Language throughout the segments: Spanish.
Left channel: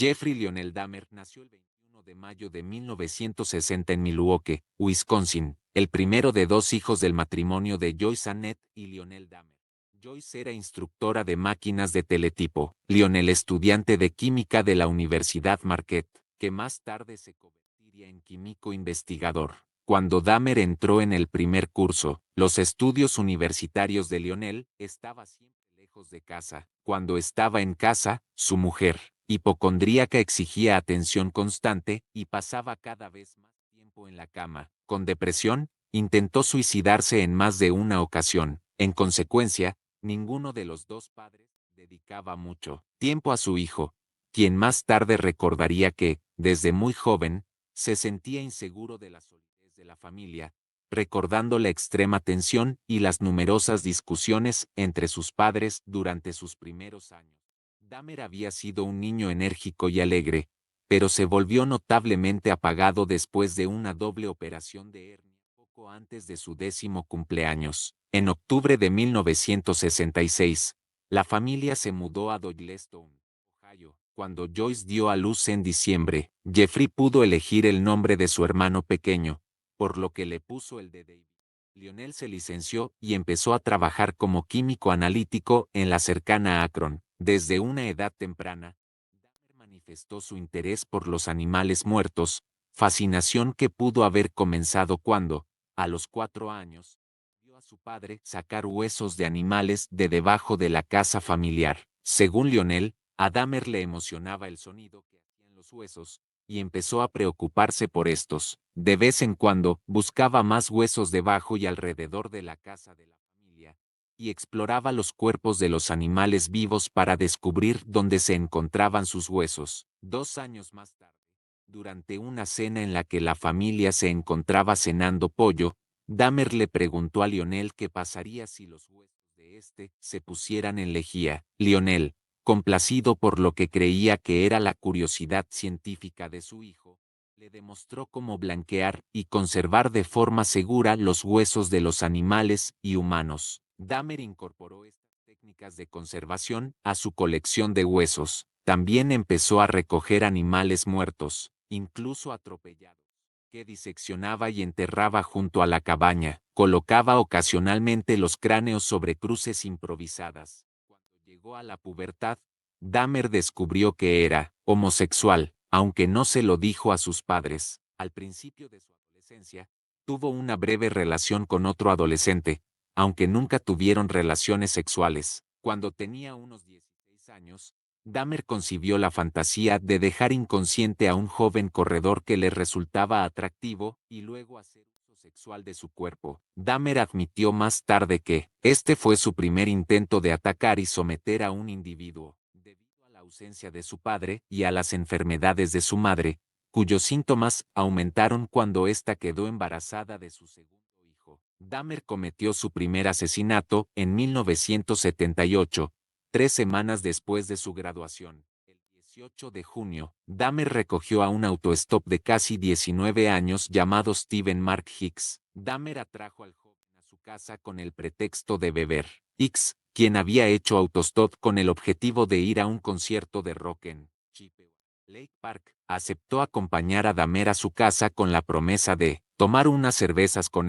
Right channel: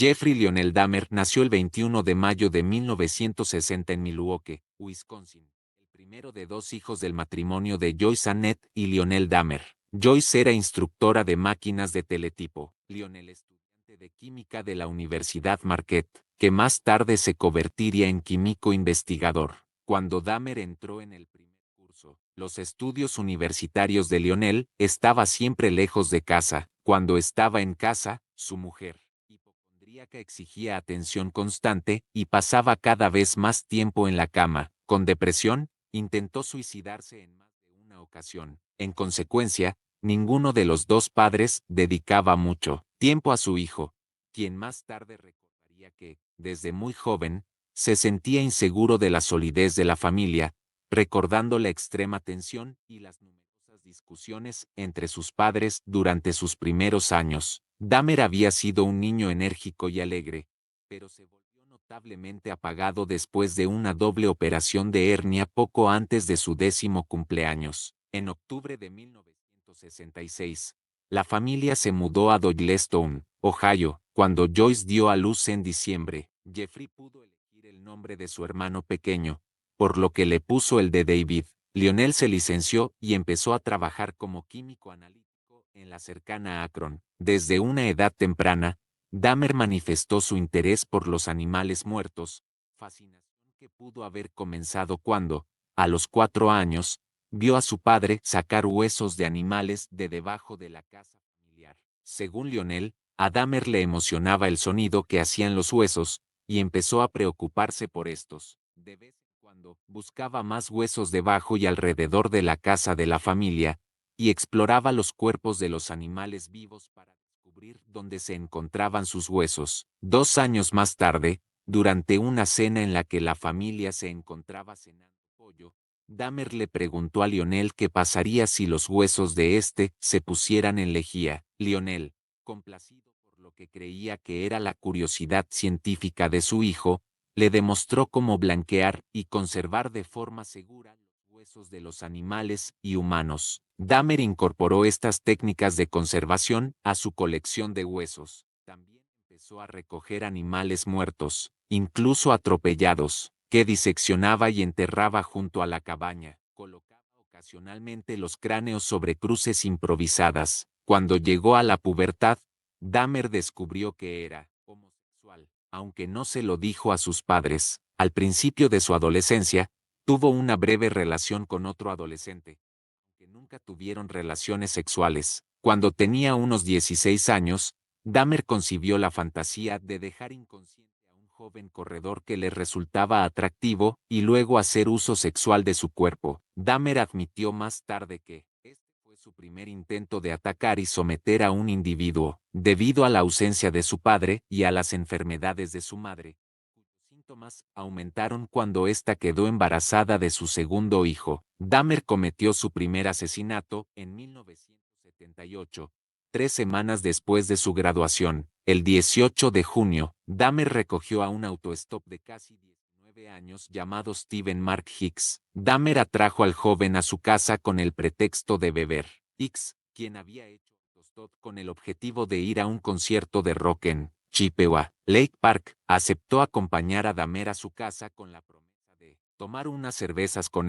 Jeffrey Lionel Dahmer nació el 21 de mayo de 1960 en Milwaukee, Wisconsin, el primero de dos hijos del matrimonio de Joyce Annette y Lionel Dahmer. Joyce era instructora de máquinas de teletipo, Lionel estudiante de química de la Universidad Marquette, que más tarde se convertiría en químico investigador. Cuando Dahmer entró en el primer curso, los estudios universitarios de Lionel estaba siempre lejos de casa. Cuando estaba en casa, su mujer, hipocondríaca, exigía atención constante y pasaba cada vez más tiempo en la cama. Con depresión, intentó suicidarse en más de una ocasión. En consecuencia, ninguno de los dos padres dedicaba mucho tiempo a su hijo, quien más tarde recordaría que, desde muy joven, se sentía inseguro de la solidez de la familia, recordando la extrema tensión y las numerosas discusiones entre sus padres durante sus primeros años. Dahmer había sido un niño enérgico y alegre, pero se volvió notablemente apagado después de una doble operación de hernia poco antes de su 10º cumpleaños. En octubre de 1966, la familia se mudó a Doylestown, Ohio. Cuando Joyce dio a luz en diciembre, Jeffrey pudo elegir el nombre de su hermano pequeño, por lo que le puso el de David. Lionel se licenció y empezó a trabajar como químico analítico en la cercana Akron. Desde una edad temprana, Dahmer manifestó su interés por los animales muertos, fascinación que pudo haber comenzado cuando, a los 4 años, vio a su padre sacar huesos de animales de debajo de la casa familiar. Según Lionel, a Dahmer le emocionaba el sonido que hacían los huesos, y empezó a preocuparse por estos. De vez en cuando, buscaba más huesos debajo y alrededor de la casa de la familia, y exploraba los cuerpos de los animales vivos para descubrir dónde se encontraban sus huesos. 2 años más tarde, durante una cena en la que la familia se encontraba cenando pollo, Dahmer le preguntó a Lionel qué pasaría si los huesos de este se pusieran en lejía. Lionel, complacido por lo que creía que era la curiosidad científica de su hijo, le demostró cómo blanquear y conservar de forma segura los huesos de los animales y humanos. Dahmer incorporó estas técnicas de conservación a su colección de huesos. También empezó a recoger animales muertos, incluso atropellados, que diseccionaba y enterraba junto a la cabaña. Colocaba ocasionalmente los cráneos sobre cruces improvisadas. Cuando llegó a la pubertad, Dahmer descubrió que era homosexual, aunque no se lo dijo a sus padres. Al principio de su adolescencia, tuvo una breve relación con otro adolescente, aunque nunca tuvieron relaciones sexuales. Cuando tenía unos 16 años, Dahmer concibió la fantasía de dejar inconsciente a un joven corredor que le resultaba atractivo y luego hacer uso sexual de su cuerpo. Dahmer admitió más tarde que este fue su primer intento de atacar y someter a un individuo, debido a la ausencia de su padre y a las enfermedades de su madre, cuyos síntomas aumentaron cuando ésta quedó embarazada de su segundo hijo. Dahmer cometió su primer asesinato en 1978. 3 semanas después de su graduación, el 18 de junio, Dahmer recogió a un autostop de casi 19 años llamado Steven Mark Hicks. Dahmer atrajo al joven a su casa con el pretexto de beber. Hicks, quien había hecho autostop con el objetivo de ir a un concierto de rock en Chippewa, Lake Park, aceptó acompañar a Dahmer a su casa con la promesa de tomar unas cervezas con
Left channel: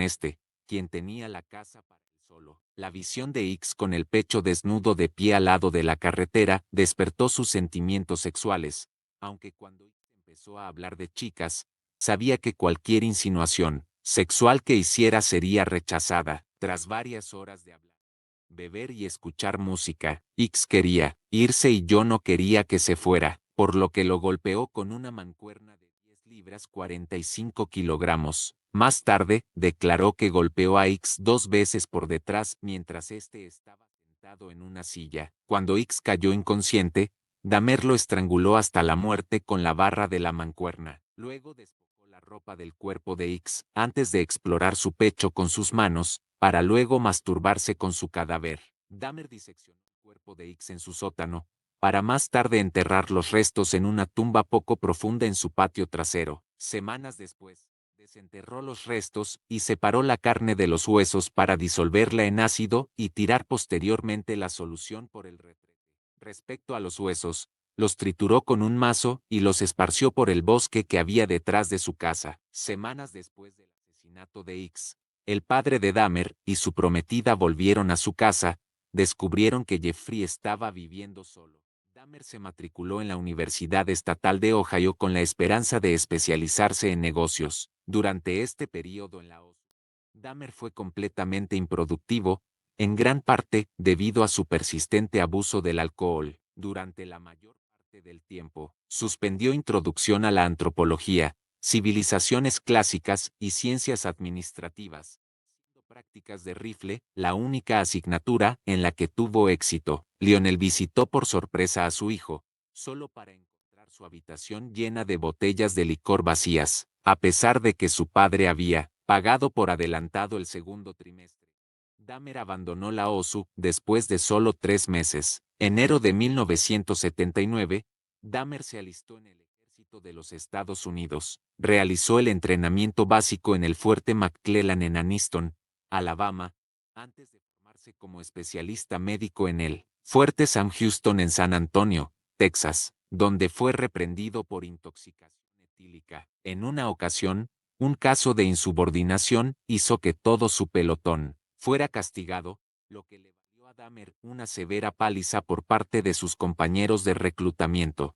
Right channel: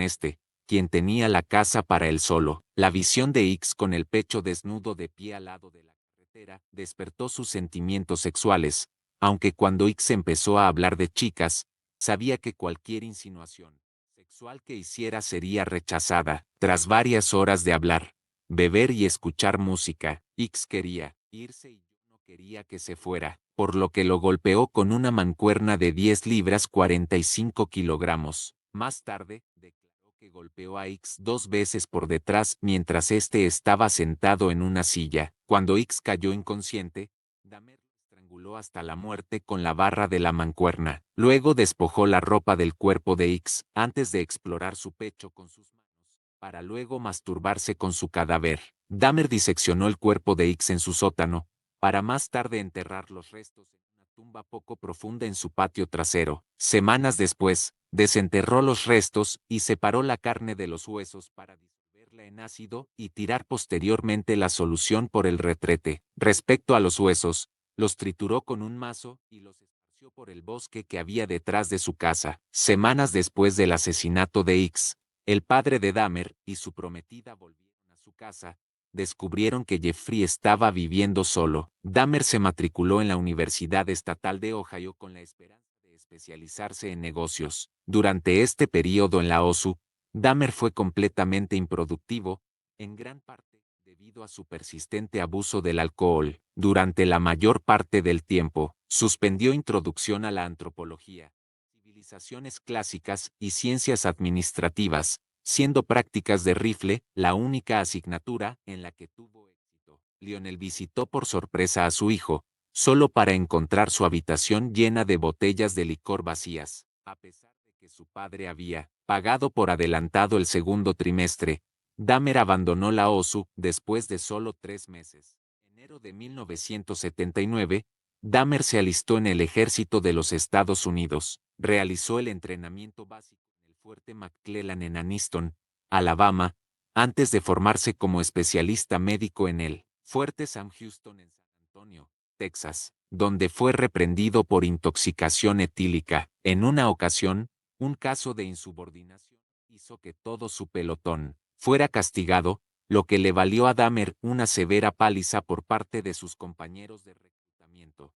quien tenía la casa para él solo. La visión de Hicks con el pecho desnudo de pie al lado de la carretera despertó sus sentimientos sexuales, aunque cuando Hicks empezó a hablar de chicas, sabía que cualquier insinuación sexual que hiciera sería rechazada. Tras varias horas de hablar, beber y escuchar música, Hicks quería irse y yo no quería que se fuera, por lo que lo golpeó con una mancuerna de 10 libras 45 kilogramos. Más tarde, declaró que golpeó a Hicks 2 veces por detrás mientras este estaba sentado en una silla. Cuando Hicks cayó inconsciente, Dahmer lo estranguló hasta la muerte con la barra de la mancuerna. Luego despojó la ropa del cuerpo de Hicks antes de explorar su pecho con sus manos, para luego masturbarse con su cadáver. Dahmer diseccionó el cuerpo de Hicks en su sótano, para más tarde enterrar los restos en una tumba poco profunda en su patio trasero. Semanas después, desenterró los restos y separó la carne de los huesos para disolverla en ácido y tirar posteriormente la solución por el retrete. Respecto a los huesos, los trituró con un mazo y los esparció por el bosque que había detrás de su casa. Semanas después del asesinato de X, el padre de Dahmer y su prometida volvieron a su casa, descubrieron que Jeffrey estaba viviendo solo. Dahmer se matriculó en la Universidad Estatal de Ohio con la esperanza de especializarse en negocios. Durante este período en la OSU, Dahmer fue completamente improductivo, en gran parte debido a su persistente abuso del alcohol. Durante la mayor parte del tiempo, suspendió introducción a la antropología, civilizaciones clásicas y ciencias administrativas, siendo prácticas de rifle la única asignatura en la que tuvo éxito. Lionel visitó por sorpresa a su hijo, solo para encontrar su habitación llena de botellas de licor vacías, a pesar de que su padre había pagado por adelantado el segundo trimestre. Dahmer abandonó la OSU después de solo 3 meses. Enero de 1979, Dahmer se alistó en el ejército de los Estados Unidos. Realizó el entrenamiento básico en el fuerte McClellan en Anniston, Alabama, antes de formarse como especialista médico en el fuerte Sam Houston en San Antonio, Texas, donde fue reprendido por intoxicación etílica. En una ocasión, un caso de insubordinación hizo que todo su pelotón fuera castigado, lo que le valió a Dahmer una severa paliza por parte de sus compañeros de reclutamiento.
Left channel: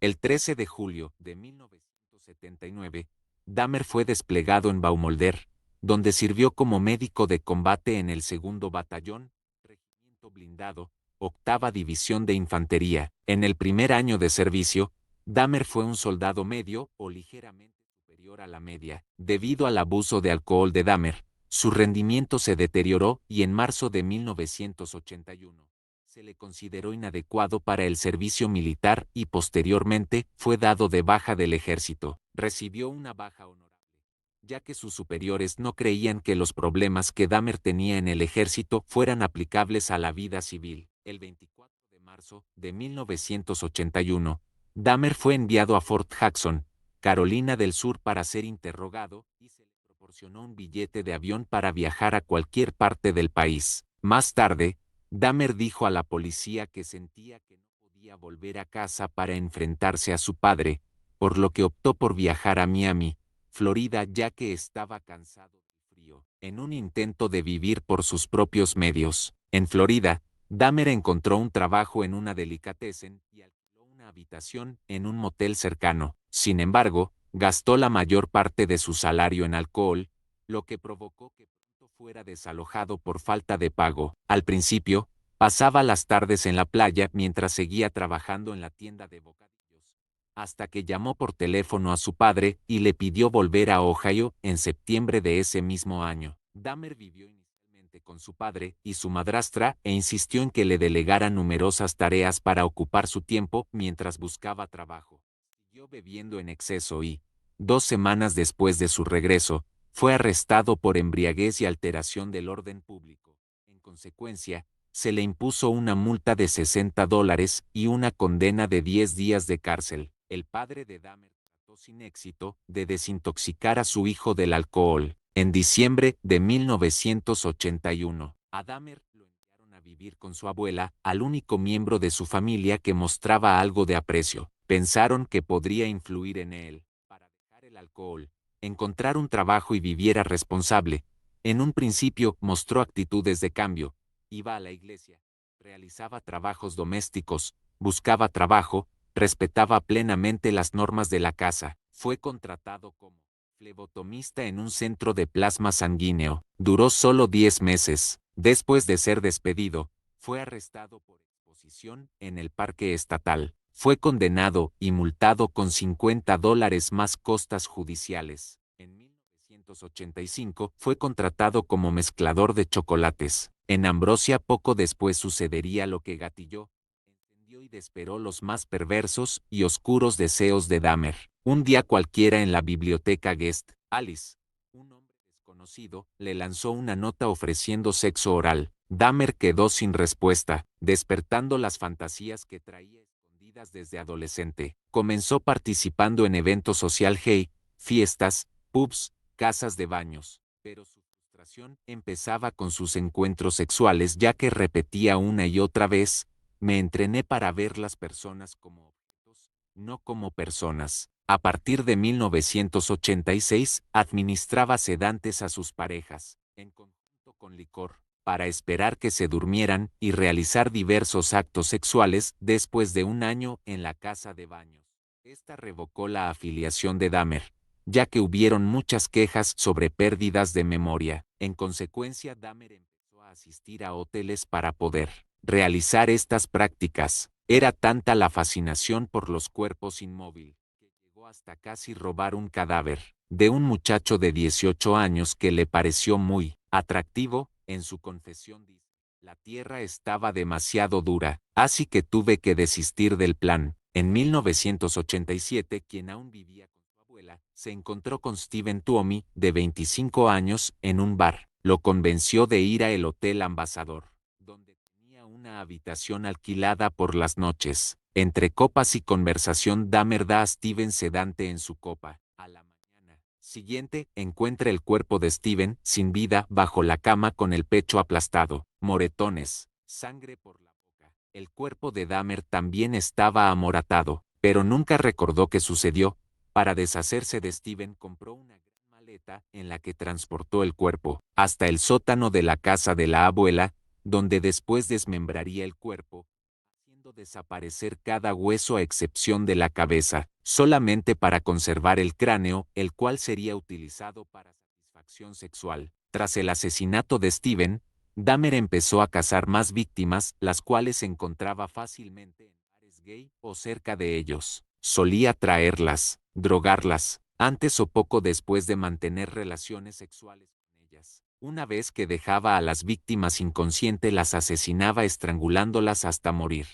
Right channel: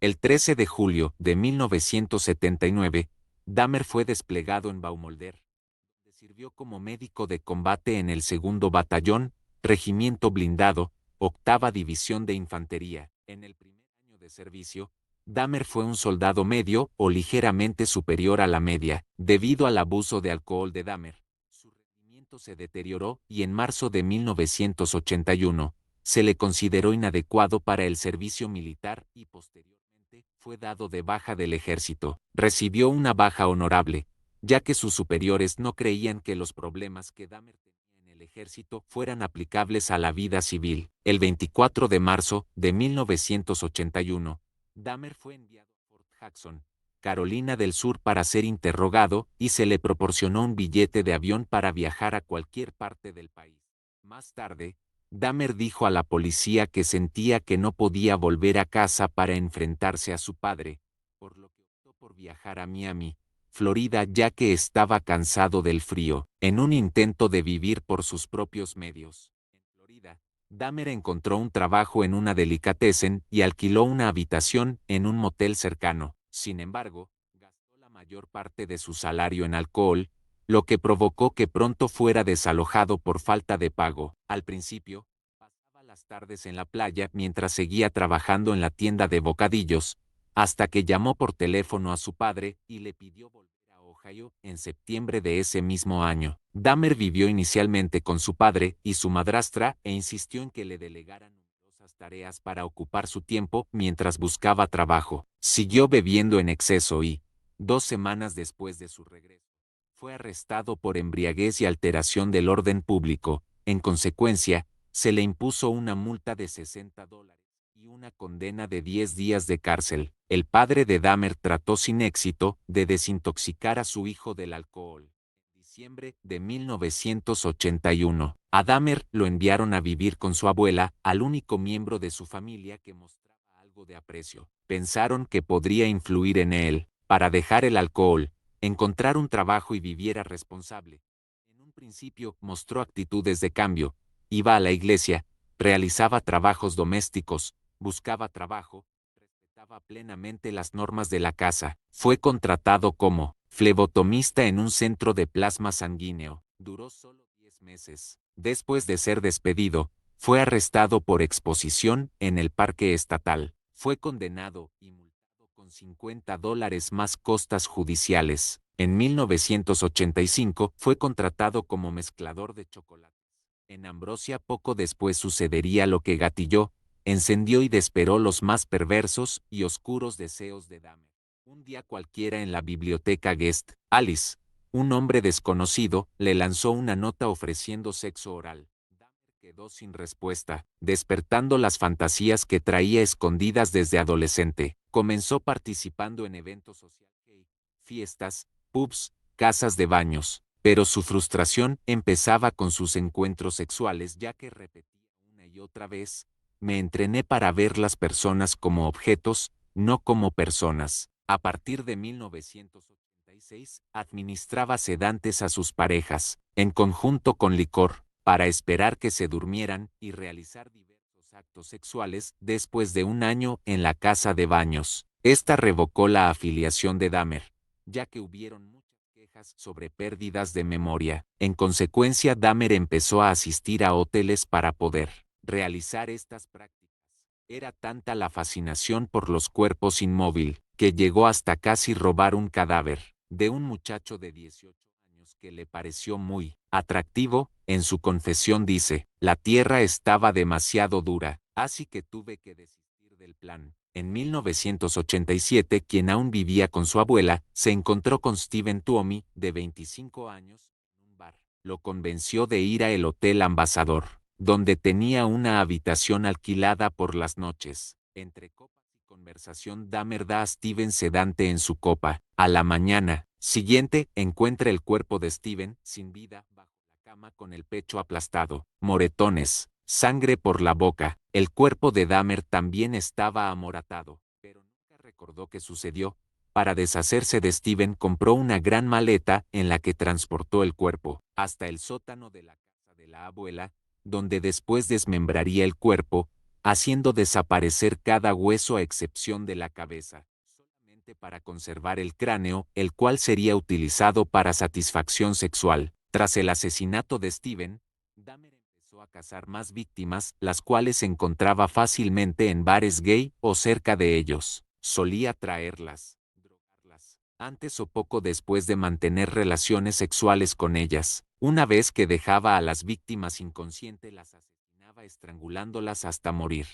El 13 de julio de 1979, Dahmer fue desplegado en Baumolder, donde sirvió como médico de combate en el 2º Batallón, Regimiento Blindado, 8ª División de Infantería. En el primer año de servicio, Dahmer fue un soldado medio o ligeramente superior a la media. Debido al abuso de alcohol de Dahmer, su rendimiento se deterioró y en marzo de 1981, se le consideró inadecuado para el servicio militar y posteriormente fue dado de baja del ejército. Recibió una baja honorable, ya que sus superiores no creían que los problemas que Dahmer tenía en el ejército fueran aplicables a la vida civil. El 24 de marzo de 1981, Dahmer fue enviado a Fort Jackson, Carolina del Sur para ser interrogado y se le proporcionó un billete de avión para viajar a cualquier parte del país. Más tarde, Dahmer dijo a la policía que sentía que no podía volver a casa para enfrentarse a su padre, por lo que optó por viajar a Miami, Florida, ya que estaba cansado del frío. En un intento de vivir por sus propios medios, en Florida, Dahmer encontró un trabajo en una delicatessen y alquiló una habitación en un motel cercano. Sin embargo, gastó la mayor parte de su salario en alcohol, lo que provocó que pronto fuera desalojado por falta de pago. Al principio, pasaba las tardes en la playa mientras seguía trabajando en la tienda de bocadillos, hasta que llamó por teléfono a su padre y le pidió volver a Ohio en septiembre de ese mismo año. Dahmer vivió inicialmente con su padre y su madrastra e insistió en que le delegara numerosas tareas para ocupar su tiempo mientras buscaba trabajo. Siguió bebiendo en exceso y, 2 semanas después de su regreso, fue arrestado por embriaguez y alteración del orden público. En consecuencia, se le impuso una multa de $60 y una condena de 10 días de cárcel. El padre de Dahmer trató sin éxito de desintoxicar a su hijo del alcohol. En diciembre de 1981, a Dahmer lo enviaron a vivir con su abuela, al único miembro de su familia que mostraba algo de aprecio. Pensaron que podría influir en él, para dejar el alcohol, encontrar un trabajo y viviera responsable. En un principio mostró actitudes de cambio, iba a la iglesia, realizaba trabajos domésticos, buscaba trabajo, respetaba plenamente las normas de la casa. Fue contratado como flebotomista en un centro de plasma sanguíneo. Duró solo 10 meses. Después de ser despedido, fue arrestado por exposición en el parque estatal. Fue condenado y multado con $50 más costas judiciales. En 1985 fue contratado como mezclador de chocolates. En Ambrosia poco después sucedería lo que gatilló, encendió y desperó los más perversos y oscuros deseos de Dahmer. Un día cualquiera en la biblioteca Guest, Alice, un hombre desconocido, le lanzó una nota ofreciendo sexo oral. Dahmer quedó sin respuesta, despertando las fantasías que traía escondidas desde adolescente. Comenzó participando en eventos social gay, fiestas, pubs, casas de baños, pero su frustración empezaba con sus encuentros sexuales ya que repetía una y otra vez, Me entrené para ver las personas como objetos, no como personas. A partir de 1986, administraba sedantes a sus parejas, en conjunto con licor, para esperar que se durmieran y realizar diversos actos sexuales después de un año en la casa de baños. Esta revocó la afiliación de Dahmer, ya que hubieron muchas quejas sobre pérdidas de memoria. En consecuencia, Dahmer empezó a asistir a hoteles para poder realizar estas prácticas. Era tanta la fascinación por los cuerpos inmóviles, que llegó hasta casi robar un cadáver de un muchacho de 18 años que le pareció muy atractivo. En su confesión dice: la tierra estaba demasiado dura, así que tuve que desistir del plan. En 1987, quien aún vivía con su abuela, se encontró con Steven Tuomi, de 25 años, en un bar. Lo convenció de ir a el Hotel Ambassador, donde tenía una habitación alquilada por las noches. Entre copas y conversación, Dahmer da a Steven sedante en su copa. A la mañana siguiente, encuentra el cuerpo de Steven, sin vida, bajo la cama con el pecho aplastado, moretones, sangre por la boca. El cuerpo de Dahmer también estaba amoratado, pero nunca recordó qué sucedió. Para deshacerse de Steven, compró una gran maleta en la que transportó el cuerpo hasta el sótano de la casa de la abuela, donde después desmembraría el cuerpo, haciendo desaparecer cada hueso a excepción de la cabeza, solamente para conservar el cráneo, el cual sería utilizado para satisfacción sexual. Tras el asesinato de Steven, Dahmer empezó a cazar más víctimas, las cuales encontraba fácilmente en bares gay o cerca de ellos. Solía traerlas, drogarlas, antes o poco después de mantener relaciones sexuales con ellas. Una vez que dejaba a las víctimas inconscientes, las asesinaba estrangulándolas hasta morir.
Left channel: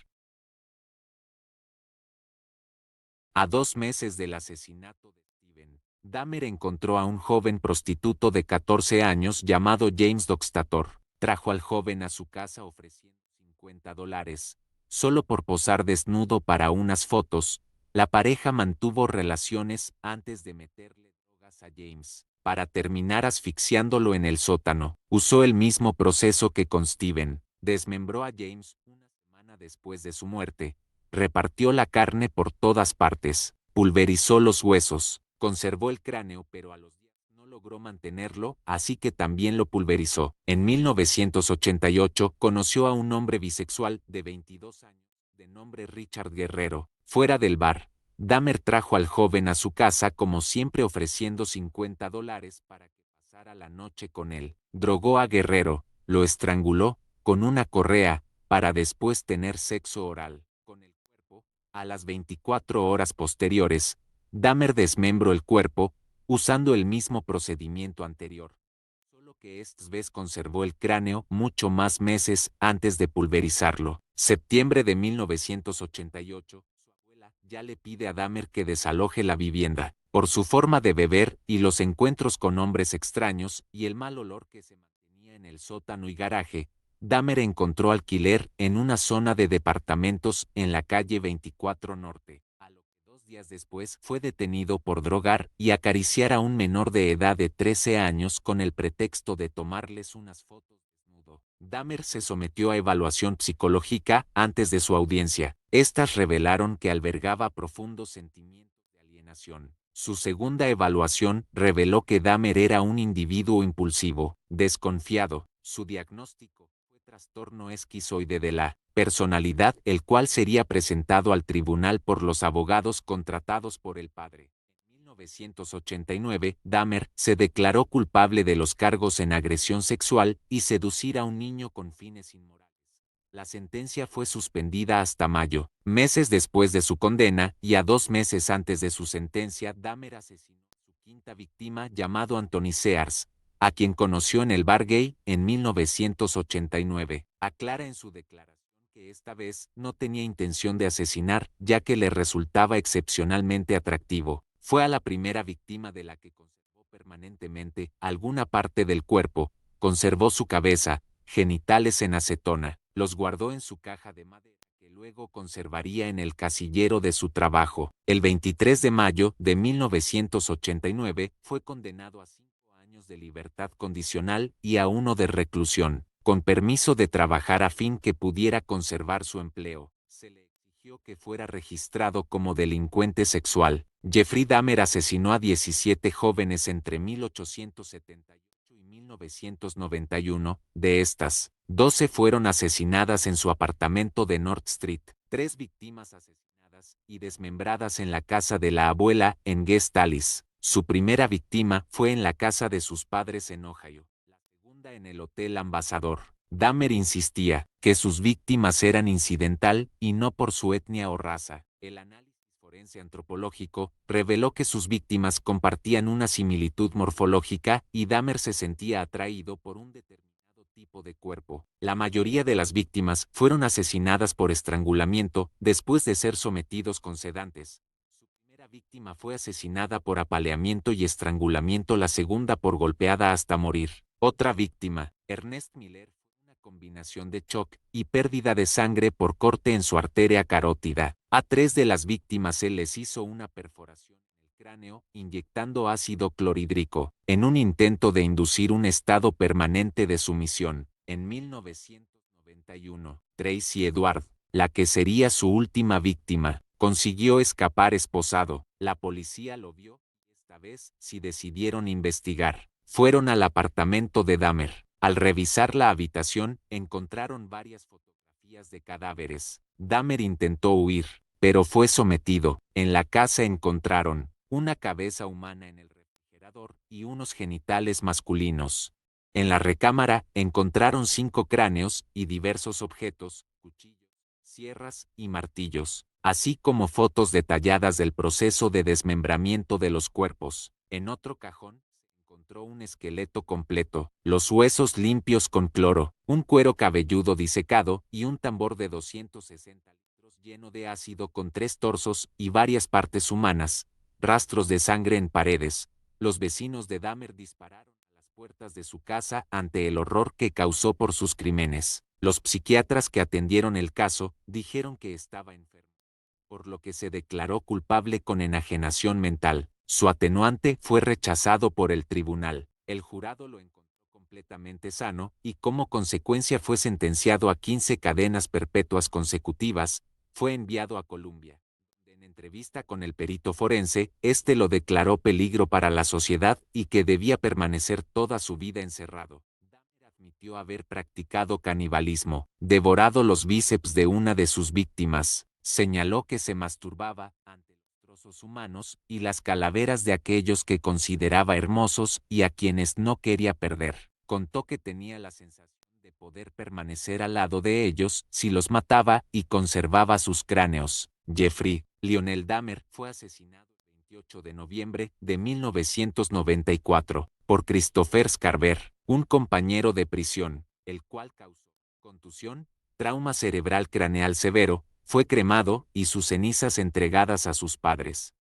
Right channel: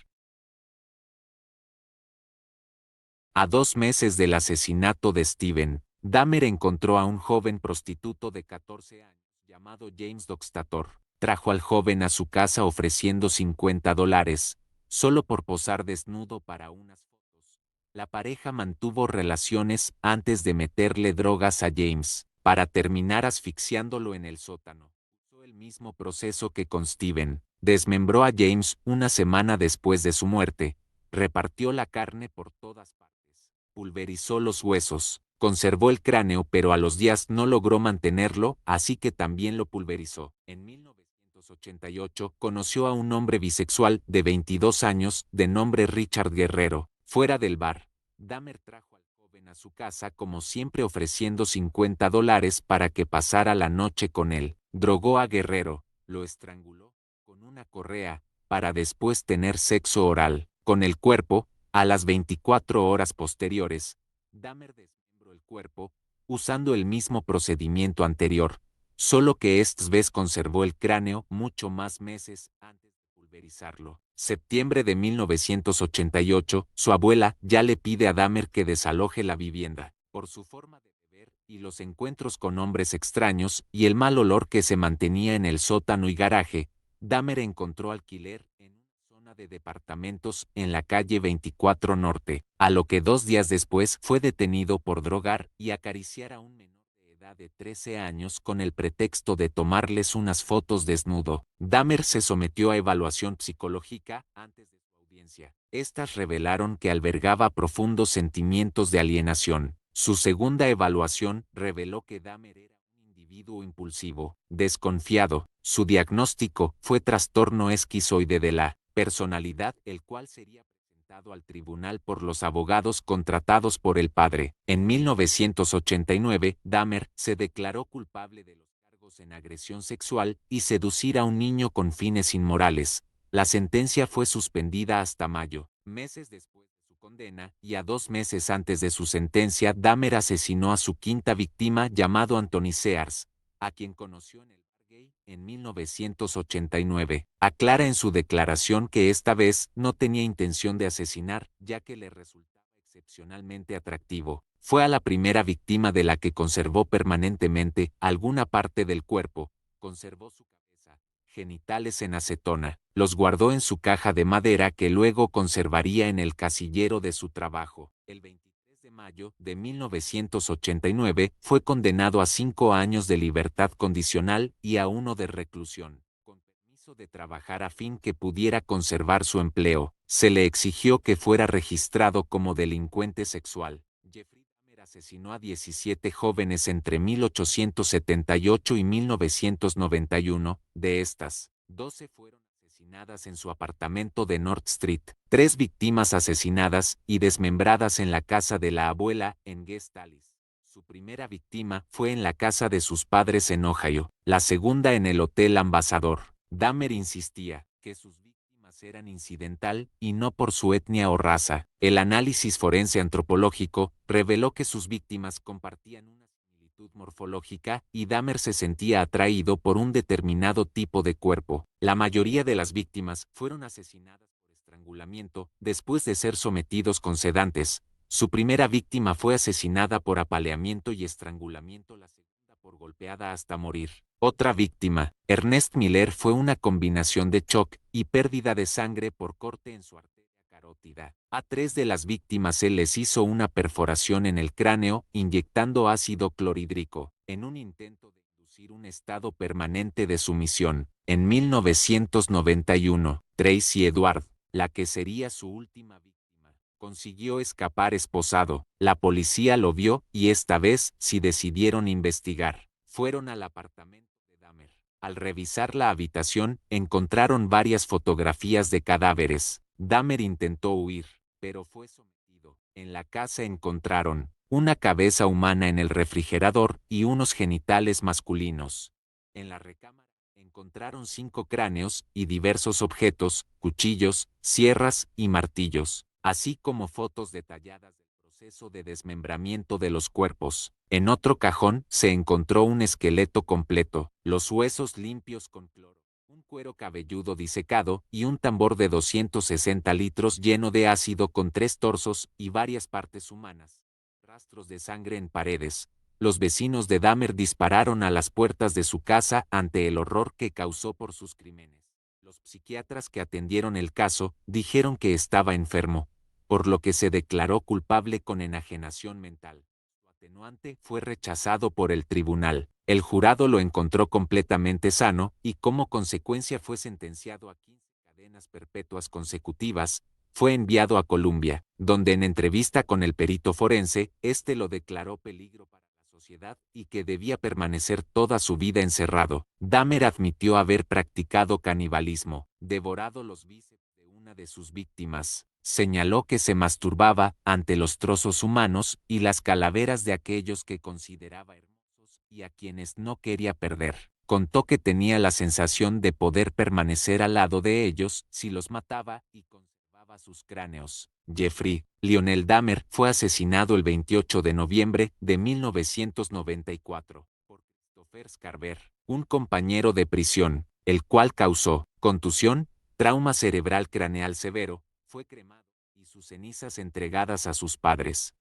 A 2 meses del asesinato de Steven, Dahmer encontró a un joven prostituto de 14 años llamado James Doxtator. Trajo al joven a su casa ofreciendo $50, solo por posar desnudo para unas fotos. La pareja mantuvo relaciones antes de meterle drogas a James, para terminar asfixiándolo en el sótano. Usó el mismo proceso que con Steven. Desmembró a James una semana después de su muerte. Repartió la carne por todas partes, pulverizó los huesos, conservó el cráneo, pero a los días no logró mantenerlo, así que también lo pulverizó. En 1988 conoció a un hombre bisexual de 22 años, de nombre Richard Guerrero. Fuera del bar, Dahmer trajo al joven a su casa, como siempre, ofreciendo $50 para que pasara la noche con él. Drogó a Guerrero, lo estranguló con una correa, para después tener sexo oral con el cuerpo. A las 24 horas posteriores, Dahmer desmembró el cuerpo, usando el mismo procedimiento anterior, solo que esta vez conservó el cráneo mucho más meses antes de pulverizarlo. Septiembre de 1988, su abuela ya le pide a Dahmer que desaloje la vivienda, por su forma de beber y los encuentros con hombres extraños y el mal olor que se mantenía en el sótano y garaje. Dahmer encontró alquiler en una zona de departamentos en la calle 24 Norte, a lo que 2 días después fue detenido por drogar y acariciar a un menor de edad de 13 años con el pretexto de tomarles unas fotos desnudo. Dahmer se sometió a evaluación psicológica antes de su audiencia. Estas revelaron que albergaba profundos sentimientos de alienación. Su segunda evaluación reveló que Dahmer era un individuo impulsivo, desconfiado. Su diagnóstico fue trastorno esquizoide de la personalidad, el cual sería presentado al tribunal por los abogados contratados por el padre. En 1989, Dahmer se declaró culpable de los cargos en agresión sexual y seducir a un niño con fines inmorales. La sentencia fue suspendida hasta mayo. Meses después de su condena y a 2 meses antes de su sentencia, Dahmer asesinó a su quinta víctima, llamado Anthony Sears, a quien conoció en el bar gay en 1989. Aclara en su declaración que esta vez no tenía intención de asesinar, ya que le resultaba excepcionalmente atractivo. Fue a la primera víctima de la que conservó permanentemente alguna parte del cuerpo. Conservó su cabeza, genitales en acetona. Los guardó en su caja de madera, que luego conservaría en el casillero de su trabajo. El 23 de mayo de 1989 fue condenado a 5 años de libertad condicional y a 1 de reclusión. con permiso de trabajar a fin que pudiera conservar su empleo. Se le exigió que fuera registrado como delincuente sexual. Jeffrey Dahmer asesinó a 17 jóvenes entre 1878 y 1991. De estas, 12 fueron asesinadas en su apartamento de North Street, 3 víctimas asesinadas y desmembradas en la casa de la abuela en Guest Alice. Su primera víctima fue en la casa de sus padres en Ohio, la segunda en el Hotel Ambassador. Dahmer insistía que sus víctimas eran incidental y no por su etnia o raza. El análisis forense antropológico reveló que sus víctimas compartían una similitud morfológica y Dahmer se sentía atraído por un determinado tipo de cuerpo. La mayoría de las víctimas fueron asesinadas por estrangulamiento después de ser sometidos con sedantes. Su primera víctima fue asesinada por apaleamiento y estrangulamiento, la segunda por golpeada hasta morir. Otra víctima, Ernest Miller, fue una combinación de shock y pérdida de sangre por corte en su arteria carótida. A 3 de las víctimas se les hizo una perforación en el cráneo inyectando ácido clorhídrico, en un intento de inducir un estado permanente de sumisión. En 1991, Tracy Edward, la que sería su última víctima, consiguió escapar esposado. La policía lo vio y esta vez sí decidieron investigar. Fueron al apartamento de Dahmer. Al revisar la habitación, encontraron varias fotografías de cadáveres. Dahmer intentó huir, pero fue sometido. En la casa encontraron una cabeza humana en el refrigerador y unos genitales masculinos. En la recámara encontraron 5 cráneos y diversos objetos, cuchillos, sierras y martillos, así como fotos detalladas del proceso de desmembramiento de los cuerpos. En otro cajón se encontró un esqueleto completo, los huesos limpios con cloro, un cuero cabelludo disecado y un tambor de 260 litros lleno de ácido con 3 torsos y varias partes humanas, rastros de sangre en paredes. Los vecinos de Dahmer dispararon a las puertas de su casa ante el horror que causó por sus crímenes. Los psiquiatras que atendieron el caso dijeron que estaba enfermo, por lo que se declaró culpable con enajenación mental. Su atenuante fue rechazado por el tribunal. El jurado lo encontró completamente sano y como consecuencia fue sentenciado a 15 cadenas perpetuas consecutivas. Fue enviado a Columbia, donde en entrevista con el perito forense, este lo declaró peligro para la sociedad y que debía permanecer toda su vida encerrado. Dahmer admitió haber practicado canibalismo, devorado los bíceps de una de sus víctimas. Señaló que se masturbaba ante los trozos humanos y las calaveras de aquellos que consideraba hermosos y a quienes no quería perder. Contó que tenía la sensación de poder permanecer al lado de ellos si los mataba y conservaba sus cráneos. Jeffrey Lionel Dahmer fue asesinado el 28 de noviembre de 1994 por Christopher Scarver, un compañero de prisión, el cual causó contusión, trauma cerebral craneal severo. Fue cremado y sus cenizas entregadas a sus padres.